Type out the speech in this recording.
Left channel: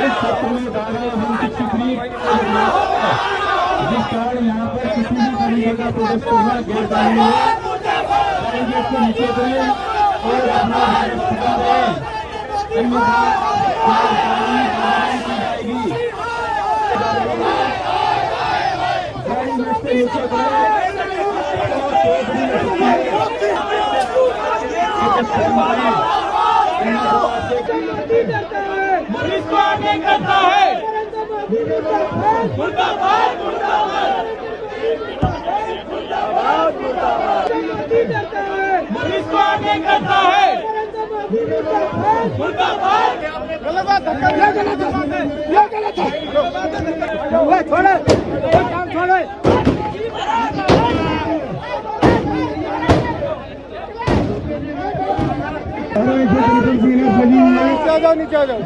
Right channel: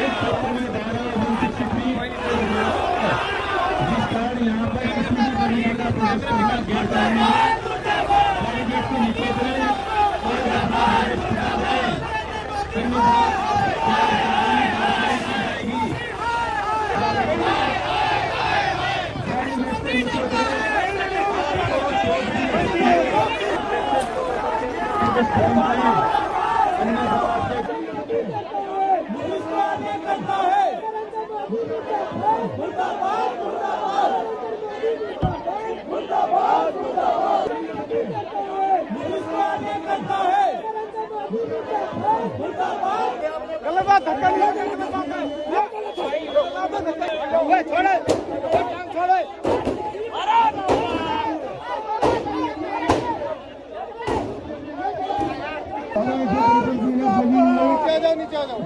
इस सत्र में दाखिल हम किसी भी जिस कारण यहाँ पर किसी भी तरीके का प्रोटेस्ट करना गैर कानूनी है, बैरिकेड से नीचे करें और अपना इस्तीफा दें, अन्यथा कानूनी कार्रवाई की जाएगी। बैरिकेड से नीचे करें पुलिस को आगे करता है। मुर्दाबाद मुर्दाबाद मुर्दाबाद मुर्दाबाद। पुलिस को आगे करता है। मुर्दाबाद। गलत बात है, ये गलत है। छोड़ो, काम छोड़ो। नीचे आ जाओ, नीचे आ जाओ।